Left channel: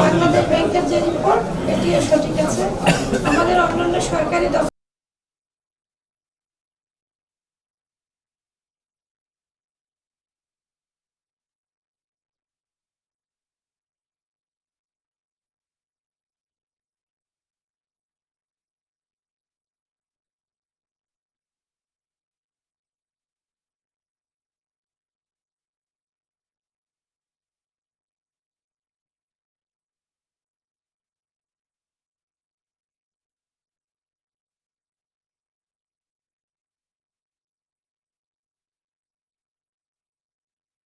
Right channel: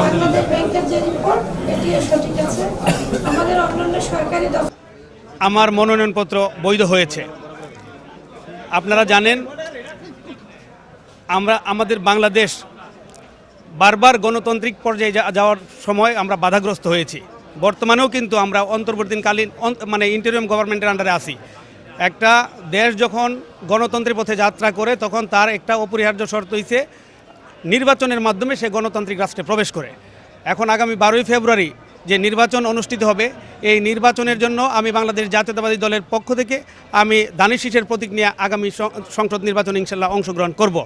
বাংলাদেশ ব্যাংকের যে রিপোর্ট এটিও সঠিক আছে। আমাদের অন্যান্য সরকারি দপ্তর আমার মনোনয়নপত্র বৈধ হয়েছে। আপনারা জানেন আমাদের বাংলাদেশ বারবার গণতান্ত্রিক পর্যায়ে যাওয়ার সময় আমরা বাধাগ্রস্ত হয়েছি। বর্তমানেও কিন্তু আমরা অন্তর্বর্তীকালীন ইন্টারিম গভর্নমেন্টের আন্ডারে আছি। একটা দেশ যখন গণতন্ত্রের পথে যাত্রা করে তখন তার একটা অপরিহার্য শর্ত হইছে নির্বাচনের মাধ্যমে সে গণতান্ত্রিক রাষ্ট্রে প্রবেশ করে। এখন আগামী 12ই ফেব্রুয়ারি যে নির্বাচন অনুষ্ঠিত হবে, এই নির্বাচনের জন্য আমি বাংলাদেশ জাতীয়তাবাদী দলের পক্ষ থেকে আমি দানিশ শীষের প্রতীক নিয়ে আগামী সংসদ নির্বাচনে ইনশাল্লাহ অংশগ্রহণ করব।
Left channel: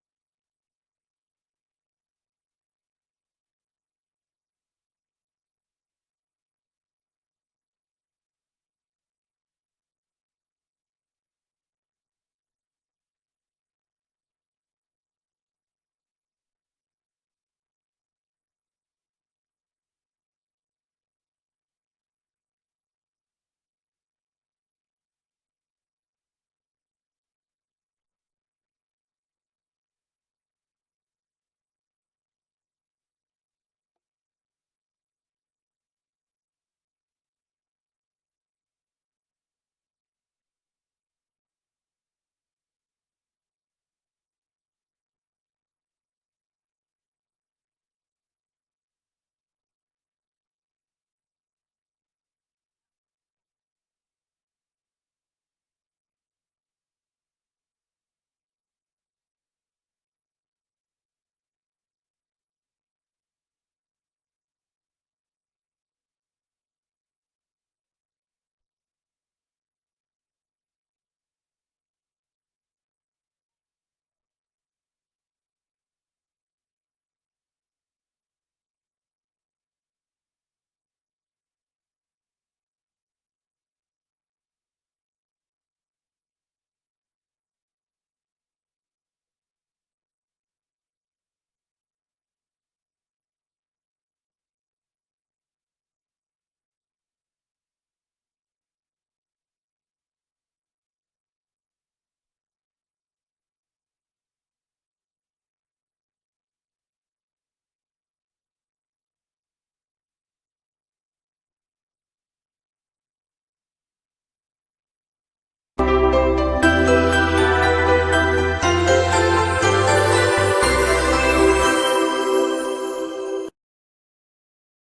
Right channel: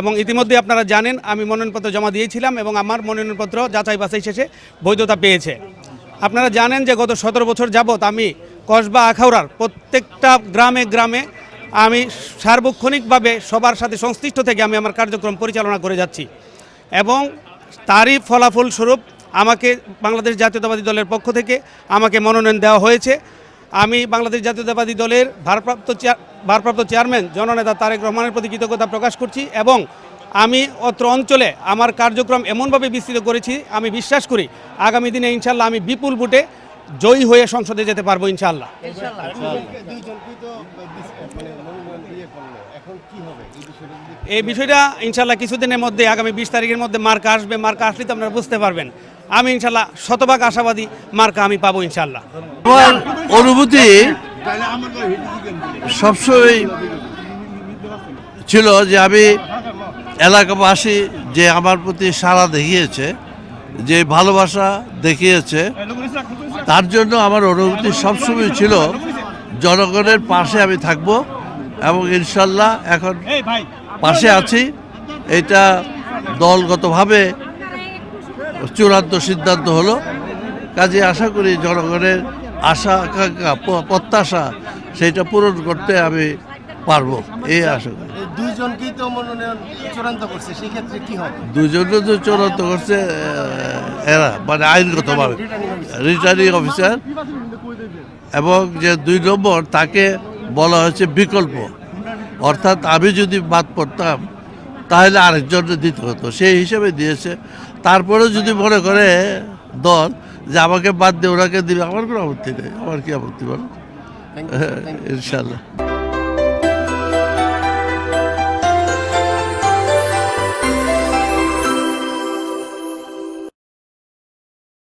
এবং ইতিমধ্যে আপনারা জানেন আমি মনোনয়নপত্র জমা দিয়েছিলাম এবং আমার মনোনয়নপত্র যাচাই বাছাই শেষে বৈধতা পেয়েছে। আপনারা জানেন যে গত 17 বছর যাবৎ আমি কসবা আখাউড়ার প্রত্যেকটা গ্রামে গ্রামে আমি সার্বক্ষণিকভাবে সবার সাথে সংশ্লিষ্ট থেকে আমি আমার কার্যক্রম পরিচালনা করে যাচ্ছি এবং তারই ফলাফল স্বরূপ আমাকে বাংলাদেশ জাতীয়তাবাদী দলের পক্ষ থেকে আমাকে মনোনয়ন দেওয়া হয়েছে। আমি বাংলাদেশ জাতীয়তাবাদী দলের ভারপ্রাপ্ত চেয়ারম্যান জননেতা তারেক রহমানের প্রতি কৃতজ্ঞতা প্রকাশ করছি এবং আমি অত্র অঞ্চলে আমার কার্যক্রম এমনভাবে বিস্তৃত করেছি, আমি বিশ্বাস করি আগামী দিনে ইনশাল্লাহ আমি বিপুল ভোটে জয়ী হয়ে সংসদে যেতে পারবো ইনশাল্লাহ। এই বিষয়টা ইনশাল্লাহ কিছুদিনের মধ্যে আগামী 20 তারিখের মধ্যে মার্কা আসবে। মার্কা আসলে তো আপনারা বুঝতে পারবেন। আমি ইনশাল্লাহ শতভাগ আশাবাদী মার্কা আমি পাবো ইনশাল্লাহ। আমার অনুভূতি সবসময় ছিল যে আমি এলাকাবাসী যে আমার প্রতি সাড়া দেখিয়েছে, যে ভালোবাসা দেখিয়েছে, তার জন্য আমার অনুভূতি সবসময় ছিল জনগণের পাশে আমি থাকব এবং ইনশাল্লাহ এখন পাশে আছি। এটা দলগতভাবে চূড়ান্ত সিদ্ধান্ত হলো। কাজে আশা করি জনগণের আশা আকাঙ্ক্ষা প্রত্যাশা সেটা পূরণ করতে আমি পারবো, এই আশা করি। দুইজনকেই তো মনোনয়ন চূড়ান্ত করছে, সেই ক্ষেত্রে কি হবে? দুইজনে তো চূড়ান্ত করছে এরা, মানে আইনগতভাবে রিটার্নিং অফিসার, এবং যে 2 নম্বর তাকে বলা হয়েছে বিকল্প, অর্থাৎ আমি যদি বাদ পড়তাম তাহলে আরেকজনকে দিতে হতো, সেই হিসেবে দিয়েছে। তারপরেও যদি মনে করে দল যে আমাকে বাদ দিয়ে ওনাকে দিবে, আমার কোনো আপত্তি নেই। আমার কি আপত্তি বলো? ইনশাল্লাহ।